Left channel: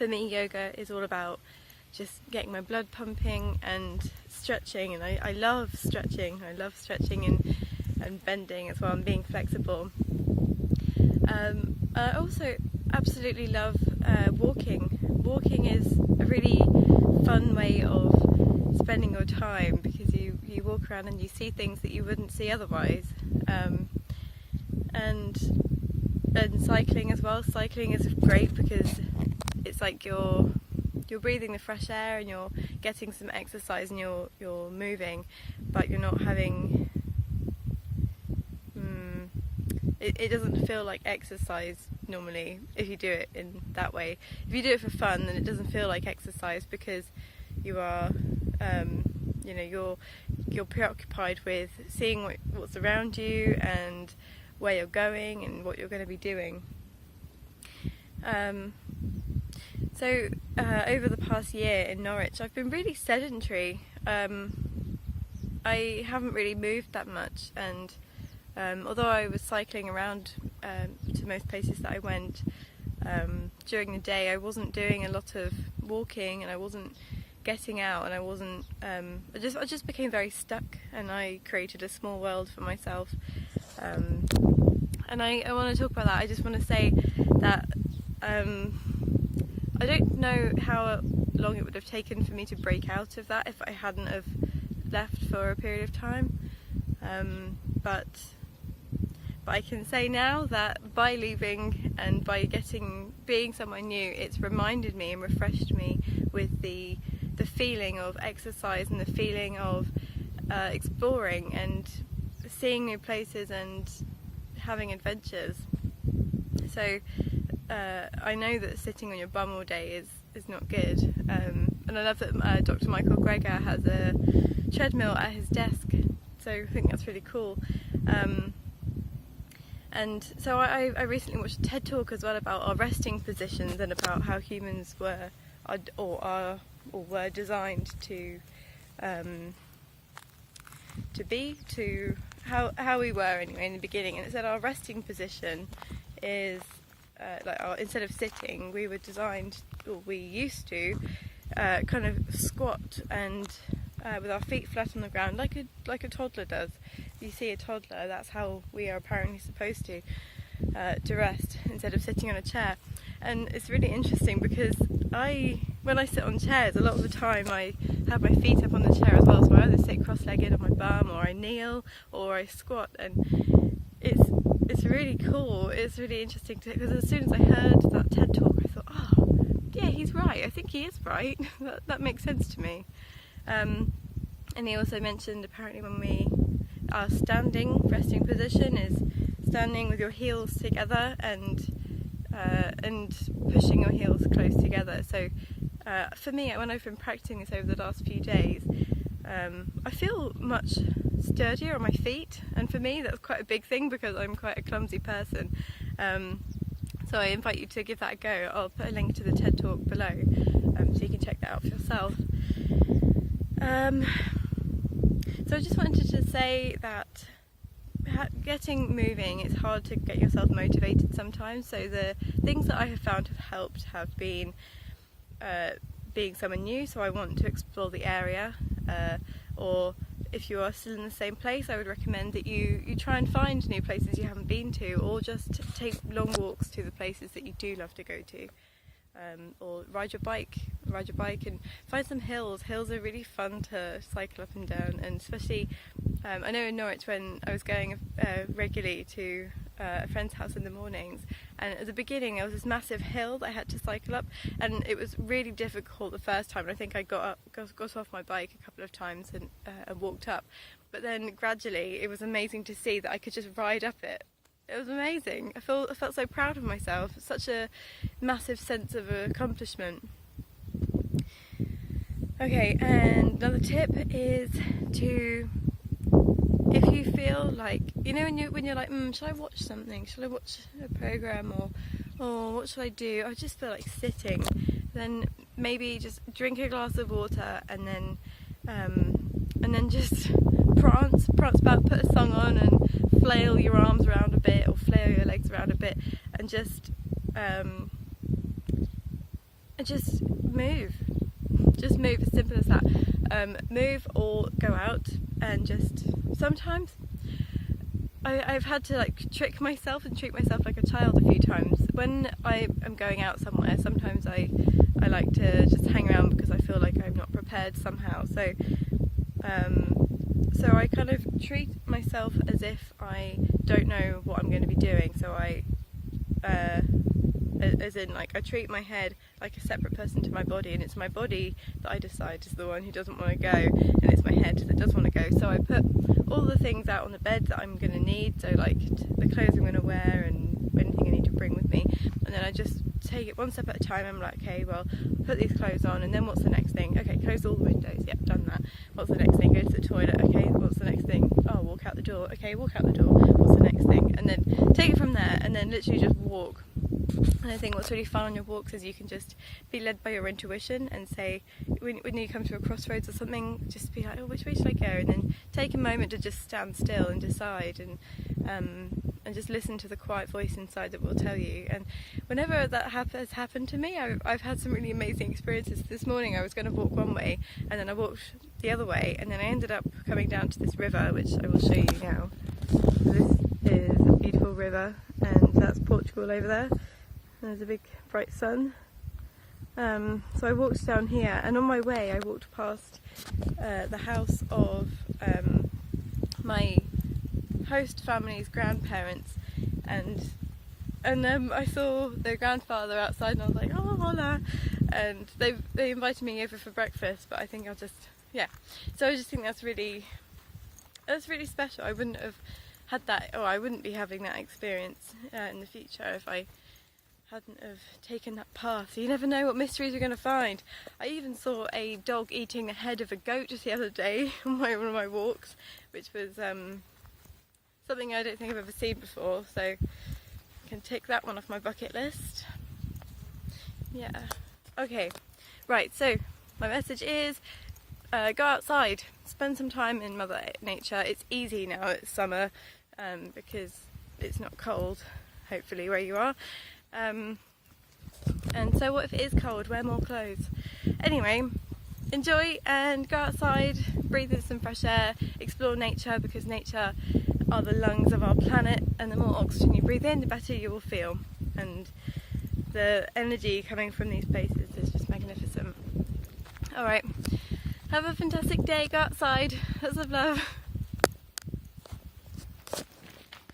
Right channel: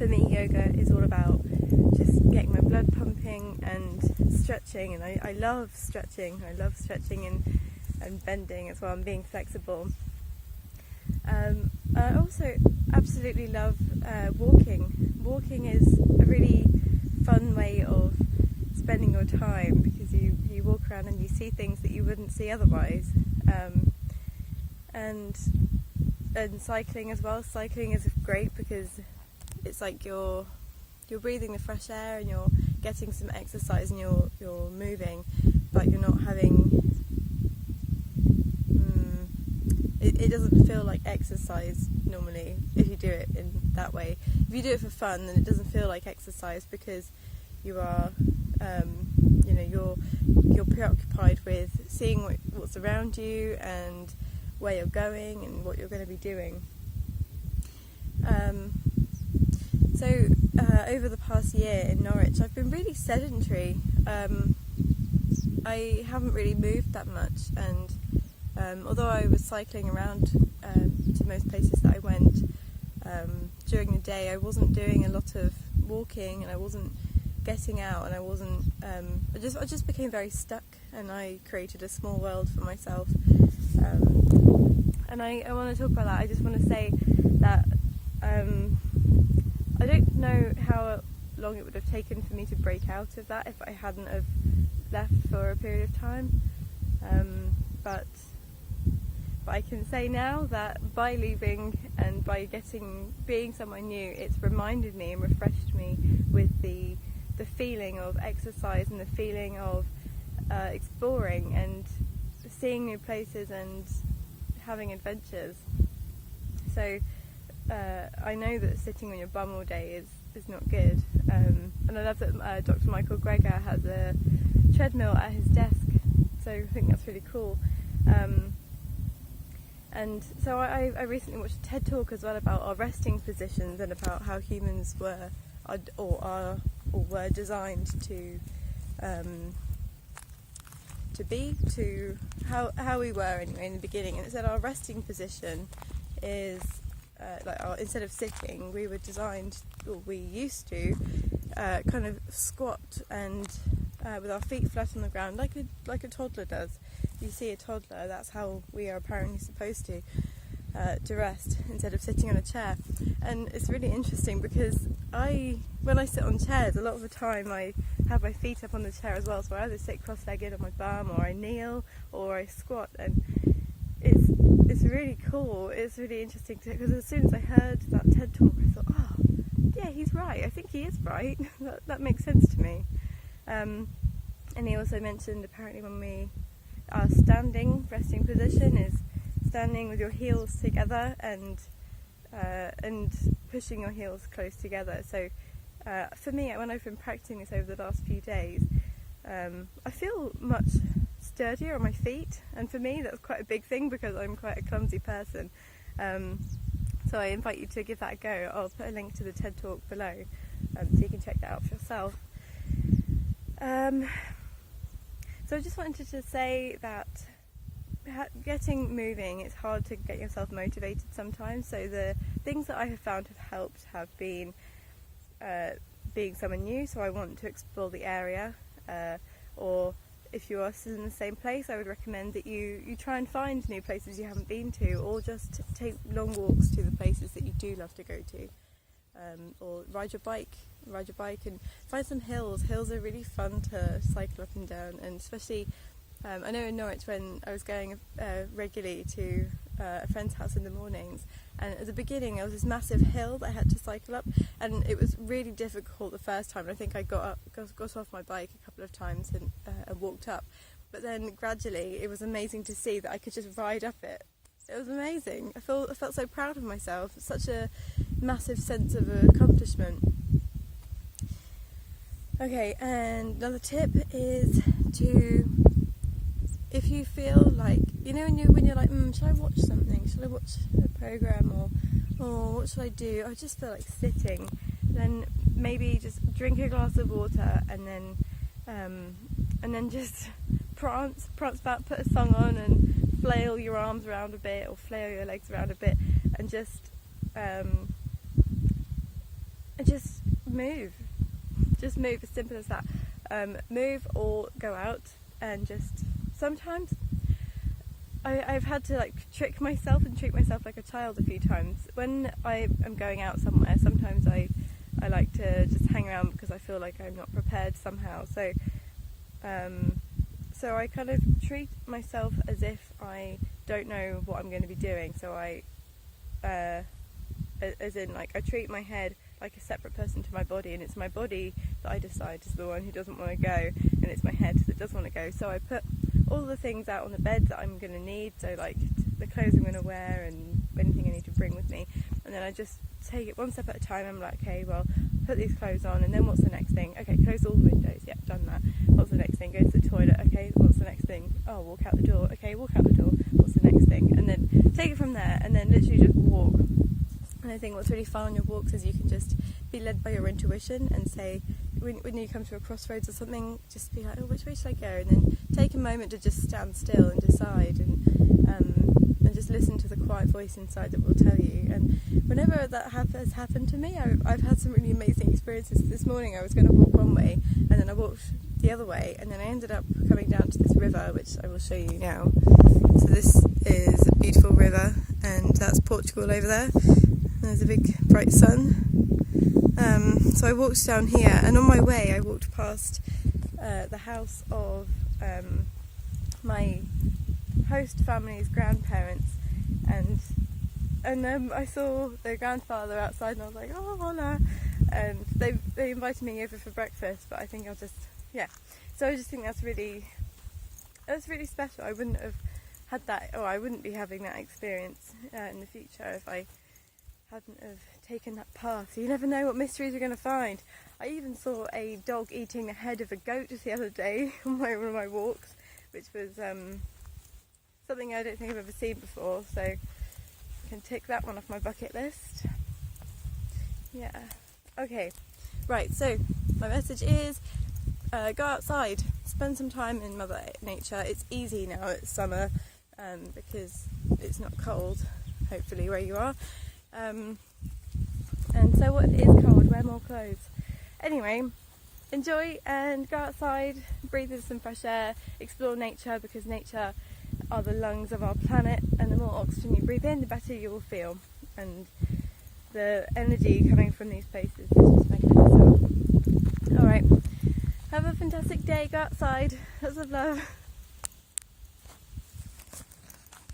For me, yoga is all about just getting my blood pumping and stretching, and I love stretching. I love stretching and bending as well, and being flexible. I also absolutely love walking. Walking is a really fun way of spending your time, because you walk around and you see things that you wouldn't see otherwise. And cycling as well. Cycling is great because it's like you're breathing the fresh air and you're getting some exercise and you're moving, but you're not having it doesn't feel like exercise normally if you do it in that way. If you do it for fun, then it doesn't feel like exercise, because you are you're preoccupied with seeing what's around you and where you're going and what you're going to be doing. So over the past year in Norwich, I've been really sedentary. I haven't really moved that much, and although I was cycling around to most places that I went during the day, I wasn't doing a lot of walking, and I wasn't getting out, and I wasn't. I just became very stuck, and I created a small world for myself. And I want to talk about that. I just want to say that I don't know how long it would have taken for me to break out of that if I hadn't have left for a period of time. But I can say now that by leaving and by being somewhere new, it's reminded me and refreshed me with the feeling of exercise and the feeling of exploring and seeing new places and having adventures. So I know that sitting on your bum all day is not good, and I love that Dr. Michael Greger has a treadmill at his desk, so I think that's really cool. And so I recently watched a TED talk as well about our resting positions and about how humans were designed to how we were anyway in the beginning. And it said our resting position is instead of sitting, we were designed, or we used to kind of squat and with our feet flat on the ground, like a toddler does. If you see a toddler, that's how we are apparently supposed to rest, instead of sitting on a chair. And it's really interesting because when I sit on chairs, a lot of the time I have my feet up on the chair as well, so I either sit cross-legged on my bum, or I kneel, or I squat, and it's really cool. It's really interesting because as soon as I heard that TED talk, I thought, oh yeah, he's right. I think he is right. that makes sense to me. And he also mentioned apparently our standing resting position is standing with your heels together and pushing your heels close together. So for me, when I've been practicing this over the last few days, I feel much sturdier on my feet, and for me that's quite a big thing because I'm quite a clumsy person. So I invite you to give that a go. I'll put a link to the TED talk below, so you can check that out for yourself. So I just wanted to say that getting moving, it's hard to get yourself motivated sometimes. So the things that I have found have helped have been being someone new, so I want to explore the area, or if you are still in the same place, I would recommend that you try and find new places you haven't been to, or just take long walks to the places that you do love to go to. Or ride your bike and find some hills. Hills are really fun to cycle up and down, and especially I know in Norwich when I was going regularly to a friend's house in the mornings, and at the beginning there was this massive hill that I had to cycle up, and it was really difficult the first time, and I think I got off my bike a couple of times and walked up, but then gradually it was amazing to see that I could just ride up it. It was amazing. I felt so proud of myself. It's such a massive sense of accomplishment. Okay, and another tip is if you feel like, when you're like, should I watch something? Should I watch a program, or what should I do? I just feel like sitting. Then maybe just drink a glass of water and then just prance about, put a song on and flail your arms around a bit, or flail your legs around a bit, and just just move. Just move, as simple as that. Move or go out, and just sometimes I've had to like trick myself and treat myself like a child a few times. When I am going out somewhere, sometimes I like to just hang around because I feel like I'm not prepared somehow. So I kind of treat myself as if I don't know what I'm going to be doing. So as in, like, I treat my head like a separate person to my body, and it's my body that I decide is the one who doesn't want to go, and it's my head that does want to go. So I put all the things out on the bed that I'm going to need, so like the clothes I'm going to wear and anything I need to bring with me, and then I just take it one step at a time. I'm like, okay, well, put these clothes on, and then what's the next thing? Okay, close all the windows. Yep, done that. What's the next thing? Go to the toilet. Okay, what's the next thing? Oh, walk out the door. Okay, walk out the door. What's the next thing? And then take it from there, and then literally just walk. And I think what's really fun on your walks is you can just be led by your intuition and say, when you come to a crossroads or something, just be like, oh, which way should I go? And then take a moment to just stand still and decide, and just listen to the quiet voice inside that will tell you. And whenever that has happened to me, I've had some really amazing experiences. This morning I was going to walk one way, and then I walked the other way, and then I ended up coming down to this river, which I will show you now. So this is a beautiful river, and that's Portugal over there. There's a big bright sun. So I walked down here, and on my way I walked past the house of my host family's grandparents, and I saw their grandfather outside, and I was like, oh, hola, and they invited me over for breakfast, but I think I'll just, yeah. So I just think that's really special. I wouldn't have had that, or I wouldn't be having that experience in the future if I hadn't have taken that path. So you never know what mysteries you're going to find. I even saw a dog eating the head of a goat just the other day on one of my walks, which was something I don't think I've ever seen before, so I can tick that one off my bucket list. Yeah. Okay, right, so my message is go outside, spend some time in Mother Nature. It's easy now, it's summer, because it's not cold, hopefully, where you are. And so what if it is cold? Wear more clothes. Anyway, enjoy and go outside, breathe in some fresh air, explore nature, because nature are the lungs of our planet, and the more oxygen you breathe in, the better you will feel. And the energy coming from these places is just magnificent. Alright, have a fantastic day, go outside, lots of love.